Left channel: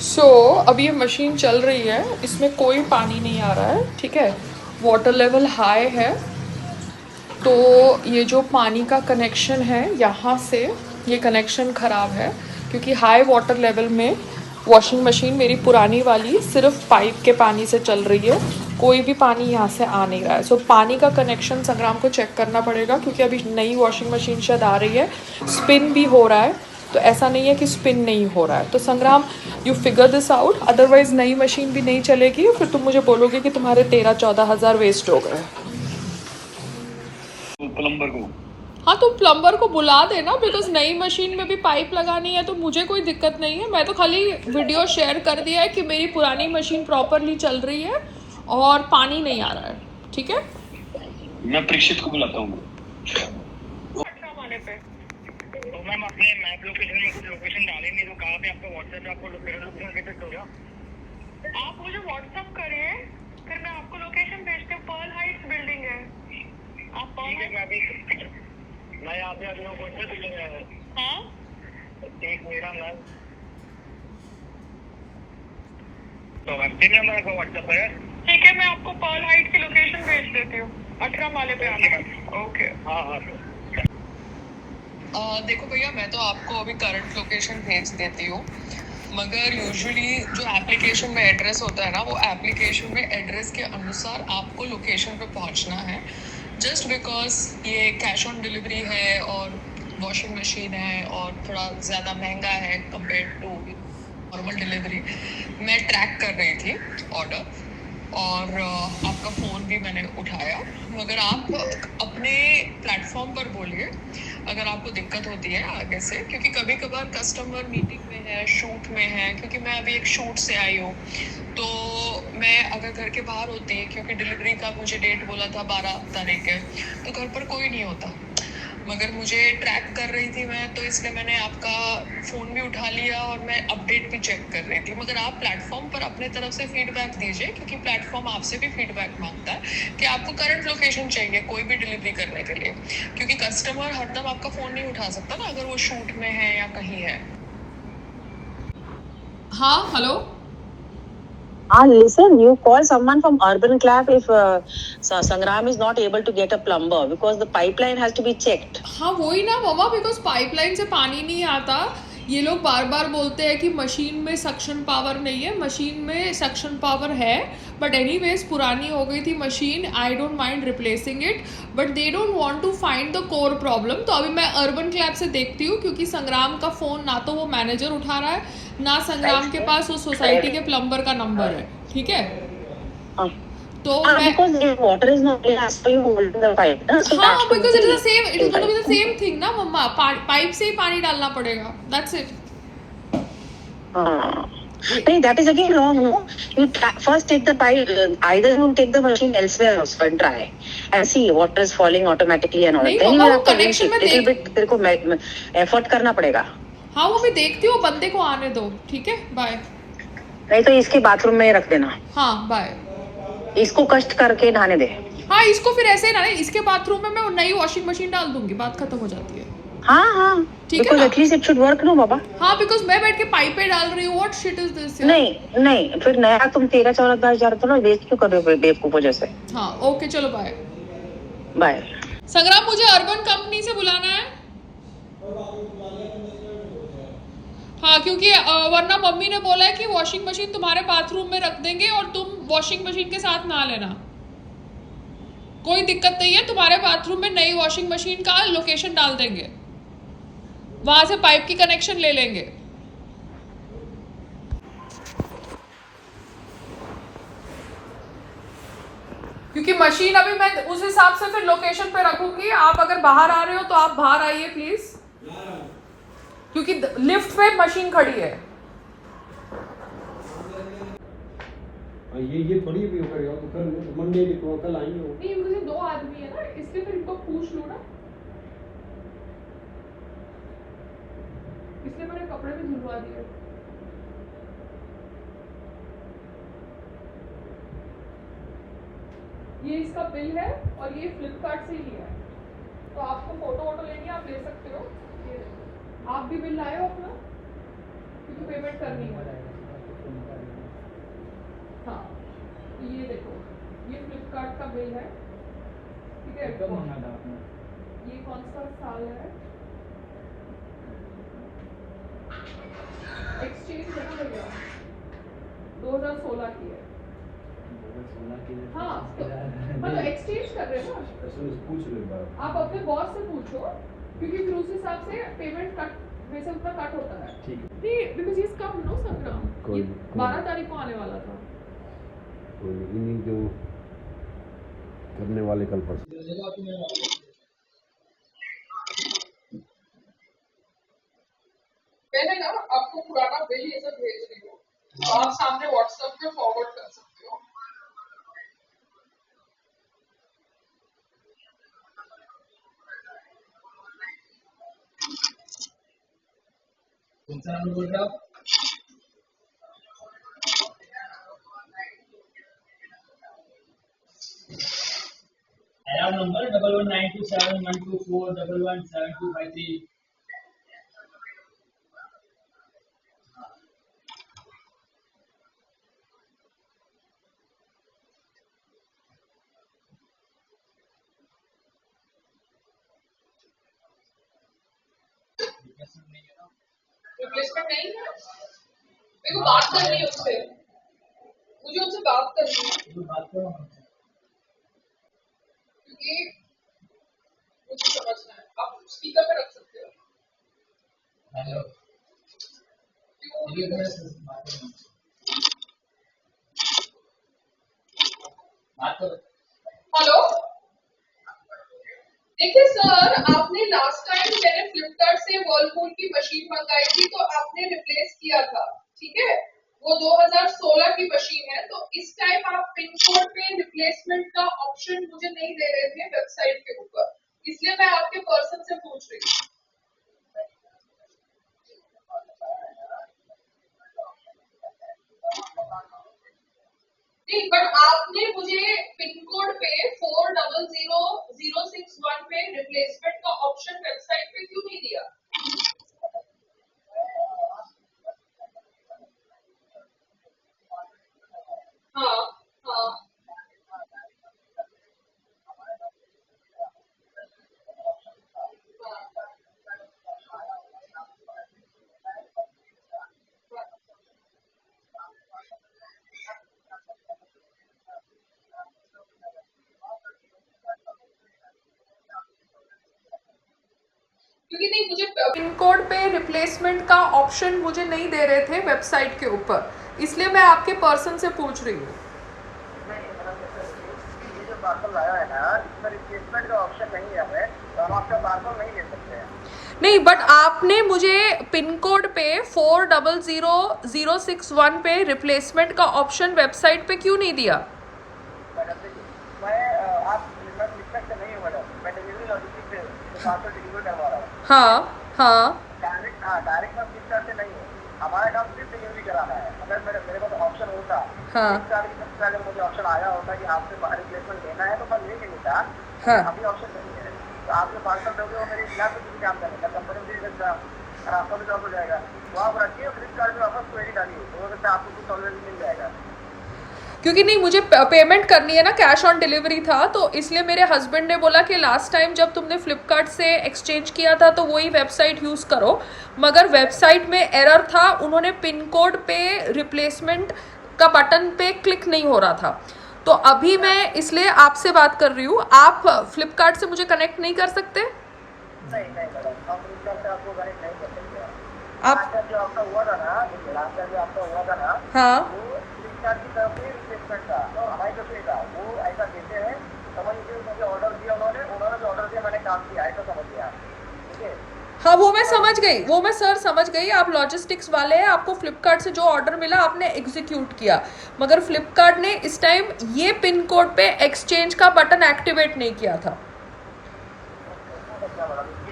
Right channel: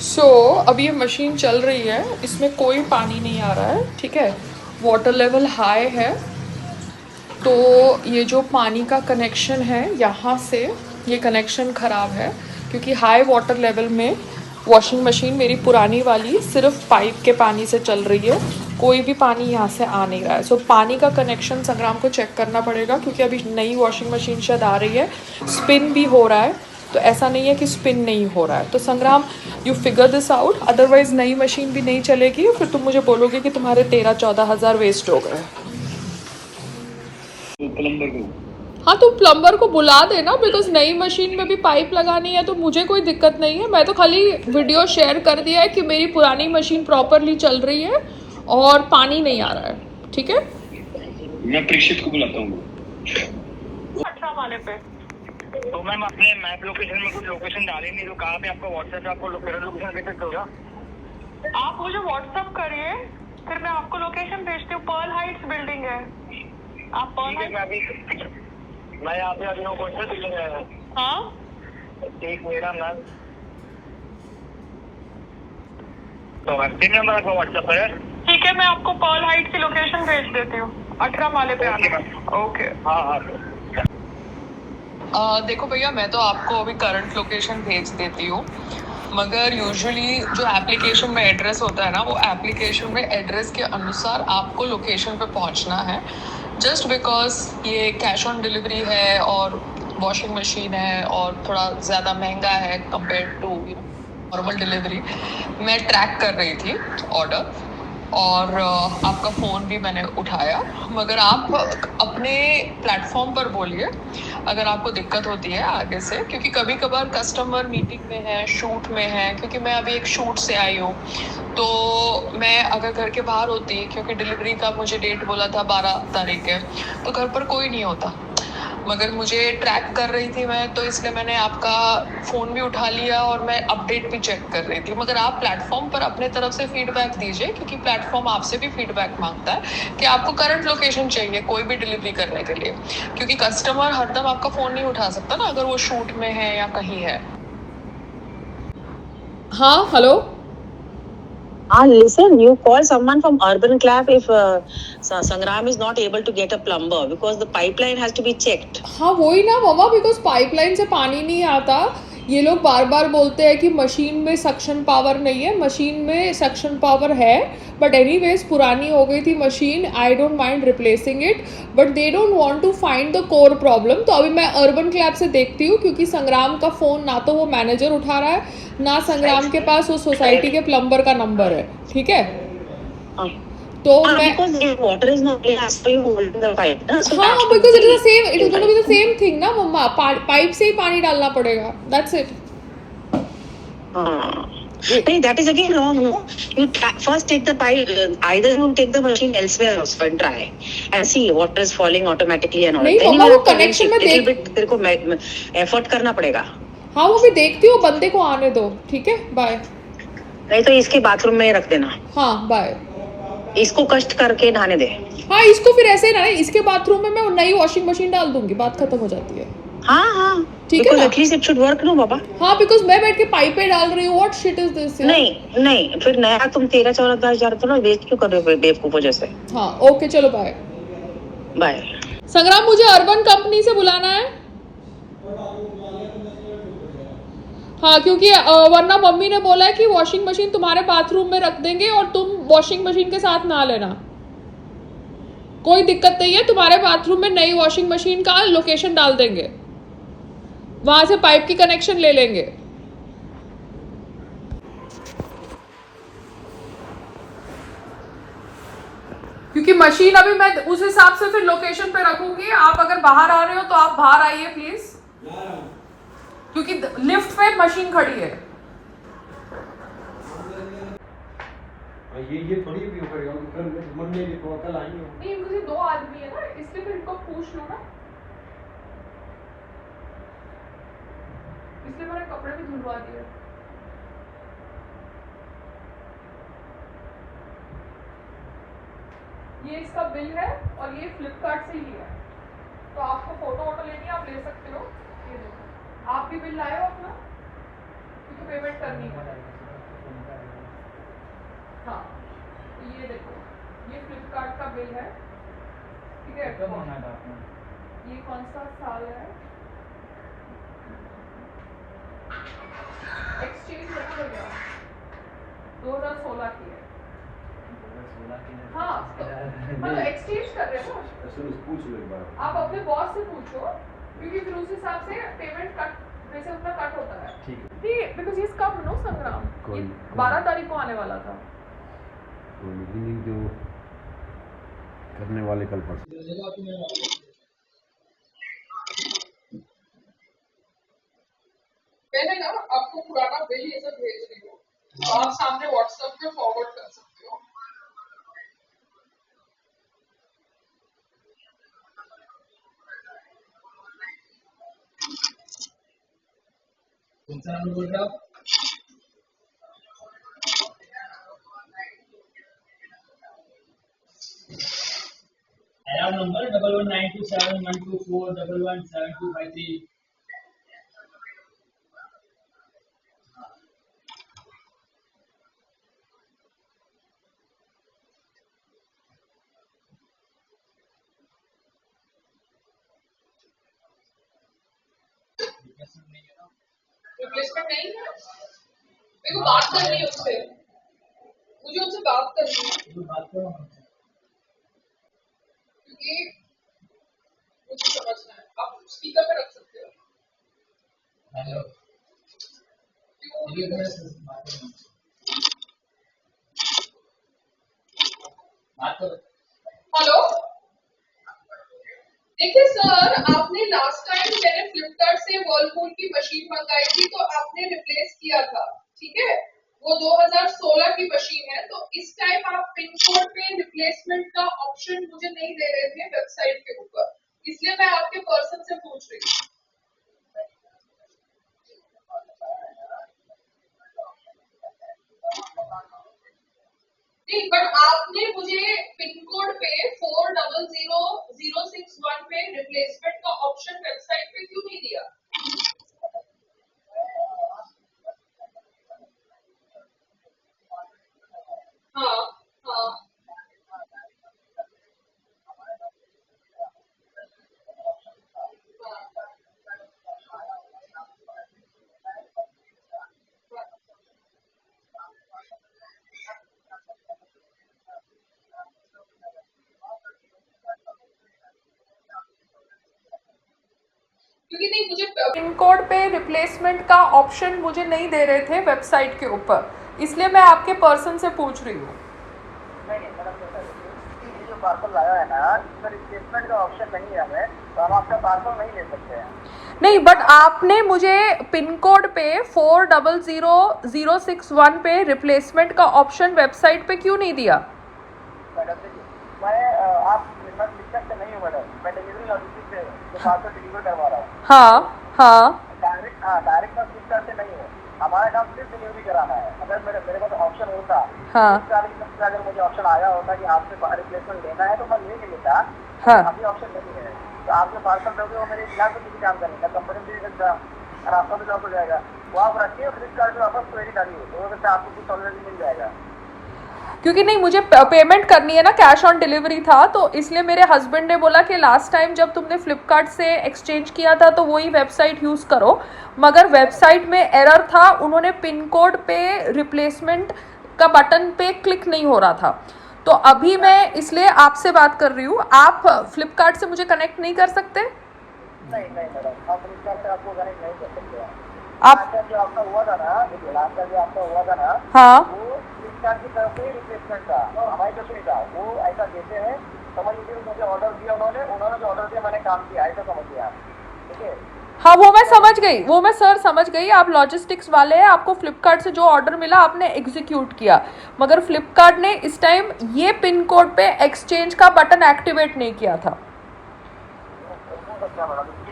अभी ये मशीन चल रही है, इसमें कोई पानी नहीं आ रहा है, ठीक है। वाटर लेवल हाई है, तो ये जो पानी का कनेक्शन है यहाँ से, ये कनेक्शन ख़राब है क्योंकि हाई वाटर लेवल में वॉशिंग मशीन मेरी पुरानी वाली सिर्फ पाइप के पानी से चल रही है, कोई भी पानी यहाँ से आ नहीं रहा है। सो पानी का कनेक्शन संग्राम को चेक करना पड़ेगा क्योंकि अभी नई वॉशिंग मशीन शायद आ रही है, स्पिन भी हो रहा है, तो ऐसा नहीं है कि स्पिन नहीं हो रहा है। तो संग्राम, you figure this out, otherwise नई मशीन भी नहीं चलेगी, फिर तुम मुझे बोलोगे कि तुम्हारे 13-14 हज़ार वेस्ट हो गए। प्लम्बर को, हाँ, तो प्लम्बर को बुला देना, बिकॉज नई मशीन में भी पाइप लगानी है, तो मुझे कोई दिक्कत नहीं है। मैं तो खाली वीडियो शेयर कर दिया है कि मेरी पुरानी मशीन प्रॉपरली चल रही है और पानी नहीं आ रहा है, ठीक है। मैं प्रीक्षित को बुलाता हूँ। अच्छा वाले पे तो मैम अपने मैप लोकेशन में कुछ लोकेशन डालेंगे जो कहाँ पे आपका व्हाट्सएप पे आपको लोकेशन भेज होगा। आप मुझे व्हाट्सएप करिए, फिर मैं आपको लोकेशन भेजती हूँ। पर्ल हाइट्स बिल्डिंग है, आप पर्ल हाइट्स। मैं यहाँ पे अभी कौन सा बिल्डिंग है? हाँ, एक मेरा मैम तो तीन नंबर आपका व्हाट्सएप है। ठीक है, मैं आपको पर्ल हाइट की लोकेशन भेज देती हूँ, 18 माले पे आने का। ओके, हाँ हाँ। देखो भैया, मैं तो आपको अभी करंट लोकेशन भेज देती हूँ, मगर यूजुअली जो एप्लीकेशन में एड्रेस होता है ना, वो एप्लीकेशन में एड्रेस के अनुसार आपको लोकेशन पे पहुँचना है। जस्ट बिकॉज ये कैश ऑन डिलीवरी है और वॉशिंग मशीन है और थोड़ा ज़्यादा महंगा है कंपेयर टू नॉर्मल डिलीवरी। मैं ट्रैक कर रही थी ऑर्डर और आपका फ़ोन भी मैंने उठाया, मगर आप अपने प्लेटफॉर्म पर बोलिए अगर आपको दिक्कत होती है आगे से, क्योंकि कभी कभार कस्टमर मीटिंग में है, शूट में है, क्योंकि मैं अभी एक शूट से आई हूँ, तो मैं अगर घर के बाहर होती, क्योंकि डिलीवरी का मुझे डेट बोला था 12 तारीख है, तो घर पर कोई नहीं होता, मगर मुझे ट्रैक कर रही थी मैं, तो इसलिए मैंने आपका फ़ोन भी उठा लिया और मैं अपडेट भी चेक कर रही थी। मगर आप प्लेटफॉर्म पर अपने तरफ से फीडबैक दीजिए, क्योंकि प्लेटफॉर्म आपसे भी फीडबैक मांगता है कि आपको करंट लोकेशन चाहिए कोई भी डिलीवरी करने के लिए, क्योंकि कस्टमर हरदम आपका फ़ोन नहीं उठा सकता ना, अगर वो शूट में है या कहीं है। हाँ, hello. Listen, you call someone from Urban Clap if Sangram is not able to get a plumber because the pipeline has to be checked. हाँ, वही ना मामा, बिकॉज पाइपलाइन से पानी नहीं आता। ये लोग बार बार बोलते हैं कि मशीन में सक्शन पावर नहीं है, मशीन में सक्शन पावर है, बट एनीवेज पुरानी हो गई थी machine, I don't mind replacing it, but they don't want to find the core problem. तो अभी मैं अर्बन क्लैब से देखती हूँ, क्योंकि संग्राम का फ़ोन ना तो वो मैनेजर उठा रहा है, ना संग्राम के पास वो सोसाइटी के प्लम्बर का नंबर है, ठीक है। तो मैं because the water is not clear, as per you holding the pipe. So हाँ, that should because it is the be same, it is gonna be the same thing ना मम्मा, pipe से ही पानी डालना पड़ेगा, दैट्स इट। नहीं, that is again wrong, no? You first take the pipe, either you take the machine elsewhere also and try and see water is falling automatically and all. नहीं Then you mamma, will वो have to connection में little देख, bit तेरे को effort करना पड़ेगा। हाँ वो मैं देखती हूँ, बंदे को आने दो, ठीक है, बाय। नहीं तो इसके बाथरूम में रख देना। हाँ, बाय। इसको कष्ट करके नहाने दे। हाँ, इसको फिर ऐसे ना, इसके बाथरूम में मैं नई वॉशिंग मशीन डाल दूंगी, बात खत्म हो जाती है। हाँ, ठीक है ना? at least it should work, no बाबा। हाँ, बिकॉज मैं बैठ के पाइपें डाल रही हूँ, व्हाट शिट इज दिस। नहीं, फिर नया तुम 13-14 हजार तो ना वेस्ट क्यों कर रहे हो बेवकूफों जैसे। हाँ, ओके, चलो बाय। बाय। संग्राम, मुझे अर्बन कंपनी से बुलाना है। हाँ, क्योंकि वरना मम्मी ने बोला है कि वॉशिंग मशीन तुम्हारे बाथरूम में रख देंगे और तुम वॉशिंग मशीन के साथ नहा लेना। कोई दिक्कत नहीं है, तुम्हारे बाथरूम में नई वॉशिंग मशीन का लोकेशन डाल देंगे, वहां से पाइप की कनेक्शन ले लेंगे। क्योंकि मशीन अभी मैं उस हिसाब से फिर लोकेशन पे रखूंगी। आप अगर बाहर आ रहे हो तो आप बाहर आइए प्लीज, क्योंकि लिफ्ट पे मशीन खड़ी है। ये थोड़ी भी कल मंडे को कल आएंगे। नहीं, मुझे 2 आदमी है ना, इसलिए फिर इनको पूछ लो ना, इसलिए मैंने कपड़े भी धुलवा दिए। ये इसका बिल है और ये फ्लिपकार्ट से ही है, तो आपको फोटो वोटो लेनी है आप ले सकते हो। ये देखो, आप भी बिल लाए हो अपना, क्योंकि पेमेंट करनी है। हाँ, ये देखो, ये फ्लिपकार्ट का बिल है, ठीक है। ये कौन सा साल है? एक्सचेंज है ना भैया, 2016 की है। हाँ, मतलब एक्सचेंज कर रहे हो ना, आप अपने बॉस से पूछो, क्योंकि फिर उस हिसाब से पेमेंट कट, वैसे उतना कट होता है। नहीं, बिकॉज ये कब नो संग्राम, ये 12 तारीख को आने वाला था। जो करने वाले कल परसों मैंने ना आपको पुराना बिल ये सब भेज रही हूँ, तो आप सामने व्हाट्सएप पे फॉरवर्ड कर सकते हो। कौन सा नंबर बोल रहे हो आप? आया नंबर 11927124117253। रिप्लेसमेंट नहीं है, मेरे को बात करनी है उससे, मुझे उनसे बात करनी है, बात करो क्योंकि मुझे समझना है। आप स्पीकर पे रख सकते हो। हेलो, बात करो। हेलो, देखिए सर, आपने लास्ट टाइम मैंने फ्लिपकार्ट से वर्लपूल की मशीन मंगाई थी, तो आपने रिप्लेस किया था, ठीक है। वो 2016 की मशीन है, तो इस टाइम आप पिन कोड पे रिप्लेसमेंट का ऑप्शन मुझे नहीं दे रहे थे वेबसाइट के ऊपर, इसलिए मैं आपके पर्सन से पूछ रही हूँ। नहीं, बट आपने मुझे पिन कोड पे 400061 पे रिप्लेसमेंट का ऑप्शन वेबसाइट पे क्यों नहीं दिया? हाँ हाँ, क्योंकि नहीं, मुझे पिन कोड पे रिप्लेसमेंट का ऑप्शन मुझे नहीं दे रहे थे वेबसाइट के ऊपर, इसलिए मैं आपके पर्सन से पूछ रही हूँ। ये जो पार्सल लाया है ना, इसमें रिप्लेसमेंट का ऑप्शन नहीं है हमें, तो हम आपका पार्सल नहीं ले सकते हैं। नहीं, बट आपने मुझे पिन कोड पे 400061 पे रिप्लेसमेंट का ऑप्शन वेबसाइट पे क्यों नहीं दिया? मैडम देखिए, आप फ्लिपकार्ट से नहीं हूँ मैडम, मैं डिलीवरी लॉजिस्टिक से पार्सल डिलीवर करवा रहा हूँ। हाँ, डायरेक्ट मैं फ्लिपकार्ट से नहीं हूँ, हमारा काम सिर्फ डिलीवरी कराना है। अगर मेरे पास ऑप्शन होता, हाँ। अगर मुझे ऑप्शन आया होता कि आपसे रिप्लेसमेंट लेना है, तो मैं ले लेता। हाँ। अभी ऑप्शन नहीं है, तो आप जो पार्सल दोगे वो मेरे खिलाफ में किसी काम करेंगे, कंपनी में दे सकता और आपका भी जॉब हो जाएगा। वो आप रखिए, फ्लिपकार्ट में वापस क्वेरी डालिए, तो हो सकता है आपको कुछ ऑलरेडी मिल जाएगा। क्योंकि नहीं, मुझे पेमेंट करनी है ना, कैश ऑन डिलीवरी था, तो इसलिए मेरे हस्बैंड ने बोला कि लास्ट टाइम जब तुमने फ्लिपकार्ट से एक्सचेंज किया था तो वही वेबसाइट यूज़ करो, मगर वेबसाइट में एरर था, उन्होंने पिन कोड पे रिप्लेसमेंट का बटन पे क्लिक नहीं हो रहा था। तो अभी मैं इसलिए आपसे बात कर रही हूँ, आप फ्लिपकार्ट से मुझे कनेक्ट नहीं कर सकते? नहीं मैडम, हम फ्लिपकार्ट से आपको कनेक्ट नहीं कर सकते। आप जो आपका हुआ था ना, लास्ट जो आपका हुआ था ना, हाँ, वो फ्लिपकार्ट की तरफ से रिप्लेसमेंट था, तो हमारी तरफ से नहीं था। वो ऐसा देते हैं, समझ लीजिए मुझे ऑर्डर दिया उन्होंने जो ऑर्डर दिया मैंने काम किया, ऐसा समझिए आप, ठीक है। हाँ, वो मैं समझ गई, वो मैं सर समझ गई, आप लॉजिस्टिक्स वाले हैं, आपको फ्लिपकार्ट से जो ऑर्डर मिला आपने एग्जीक्यूट किया, मगर फ्लिपकार्ट ने इस टाइम ये पिन कोड पे एक्सचेंज का बटन एक्टिवेट नहीं किया था।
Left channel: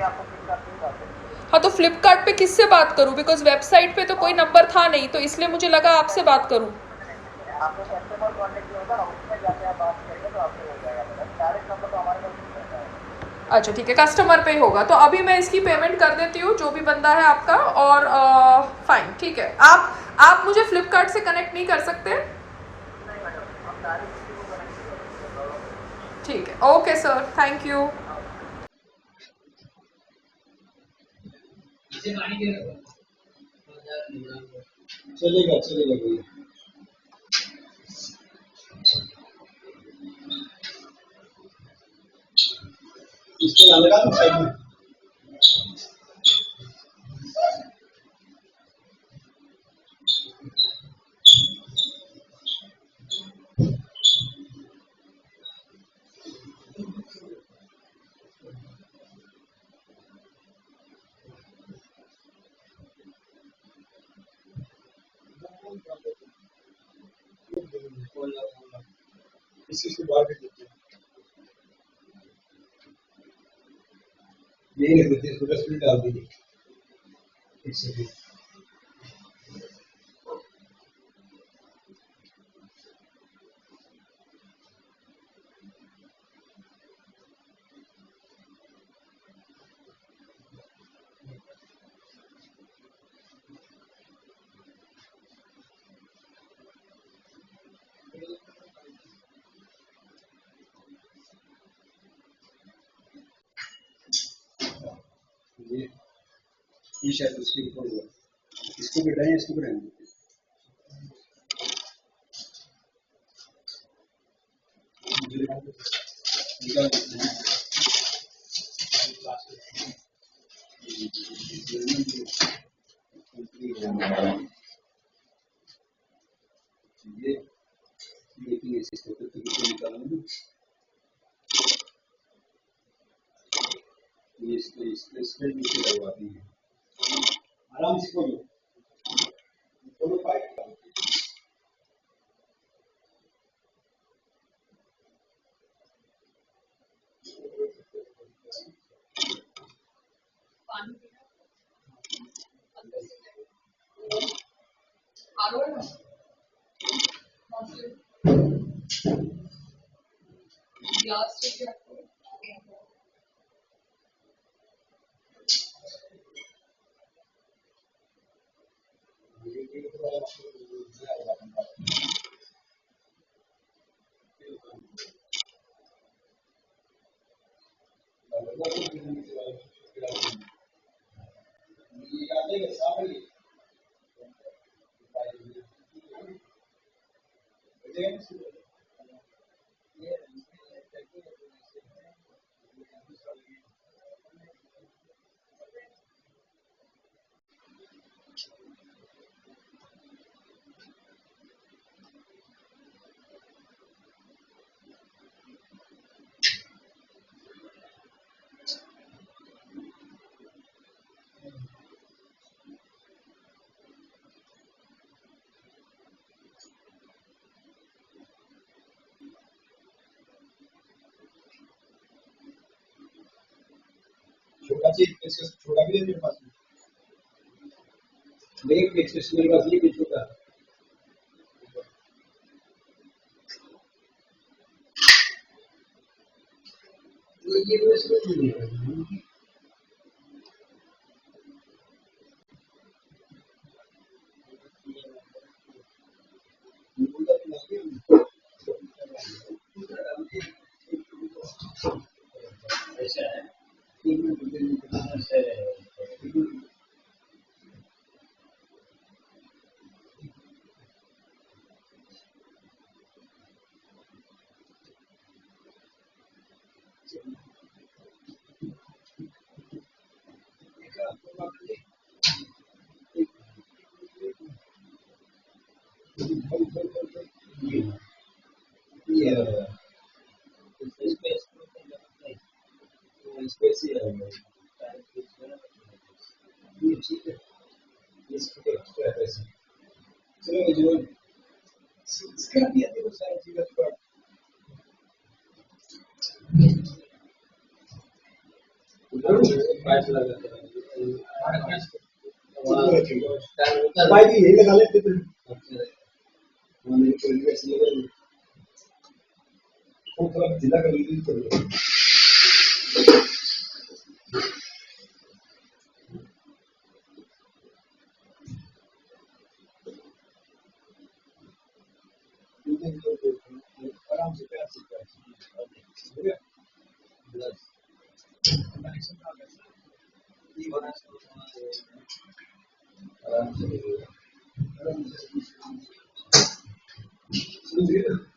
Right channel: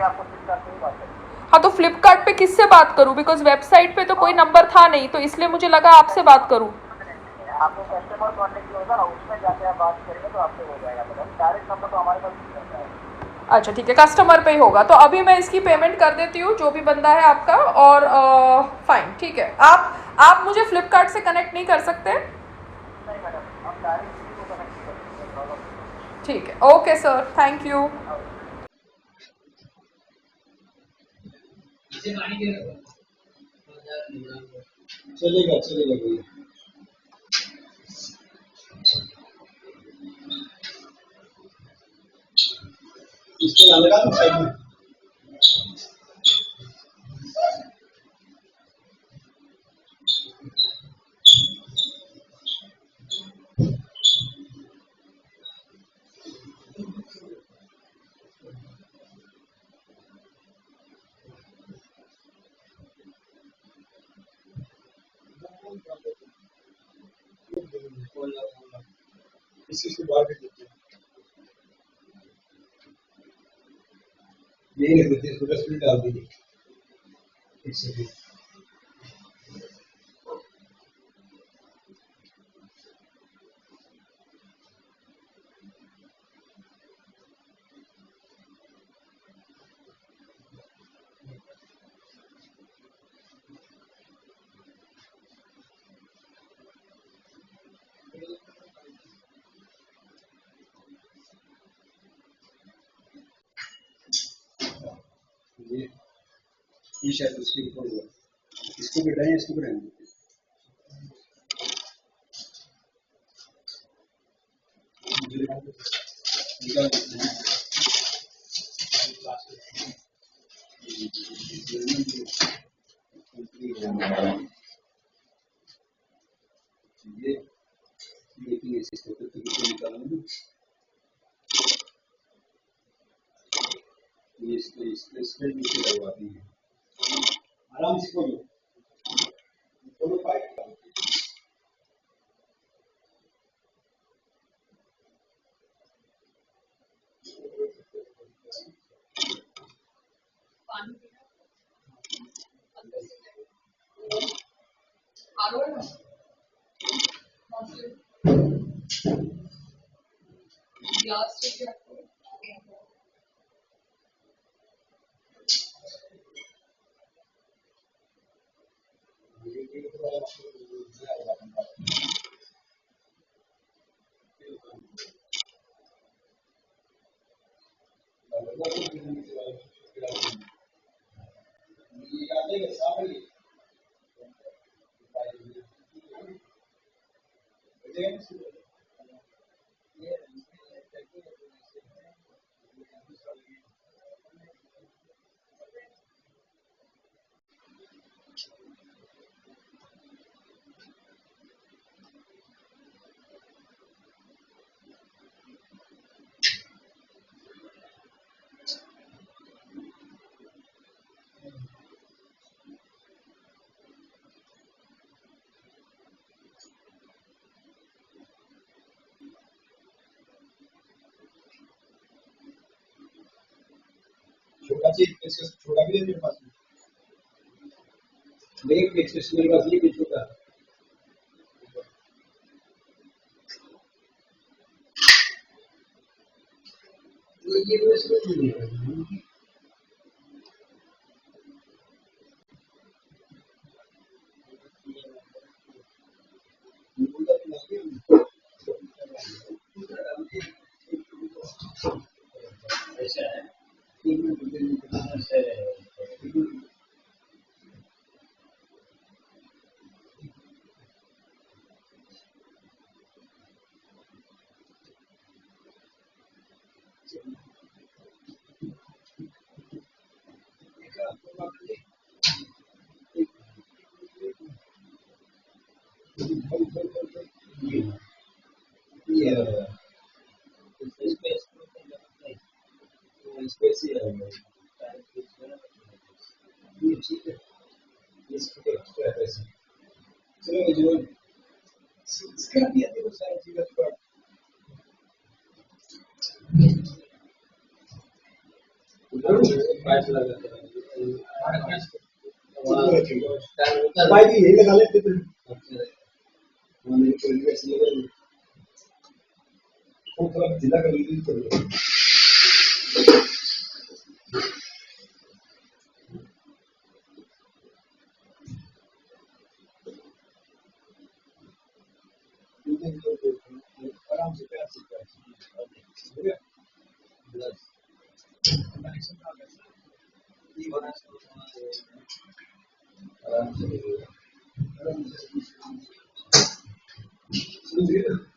आपको फ्लिपकार्ट से ही बात करें। हाँ, तो फ्लिपकार्ट पे किससे बात करूँ? बिकॉज वेबसाइट पे तो कोई नंबर था नहीं, तो इसलिए मुझे लगा आपसे बात करूँ। आपको कस्टमर कॉन्टेक्ट जो होगा ना, उसमें जाके आप बात करेंगे तो आपसे हो जाएगा। मैडम डायरेक्ट नंबर तो हमारे पास नहीं रहता है। अच्छा ठीक है, कस्टमर पे ही होगा, तो अभी मैं इसकी पेमेंट कर देती हूँ, जो भी बंदा है आपका, और फाइन, ठीक है। आप मुझे फ्लिपकार्ट से कनेक्ट नहीं कर सकते? ठीक है, ओके सर, थैंक यू। इसे पानी दे रहा हूँ। चलेगा चलेगा भैया। इसके लगा तो साइड में। इससे बाहर भी देते हैं। नहीं देते, इसको डस्टबिन डाल दीजिए। एक सेकंड। ये शायद उसके ऊपर हुआ। इसको बिठाएं, इसको बिठाएं। निकाल देते हैं। ये लेकिन ऐसे छोटे तरीके निकालेंगे। ये इसके नीचे लगवा देंगे। आराम से खोलो, खोलो पाइप। छोटा चीज छोटा भी है मेरे पास में। नहीं एक्सेस मेरे पास ये भी छोटा। ये उसमें नहीं है। ऐसा है। यही लगा लेते थे। थोड़ा जिला कर लीजिए। आराम से प्यार से हो गया बस कनेक्शन का कैसा ये बना आराम से समझ गए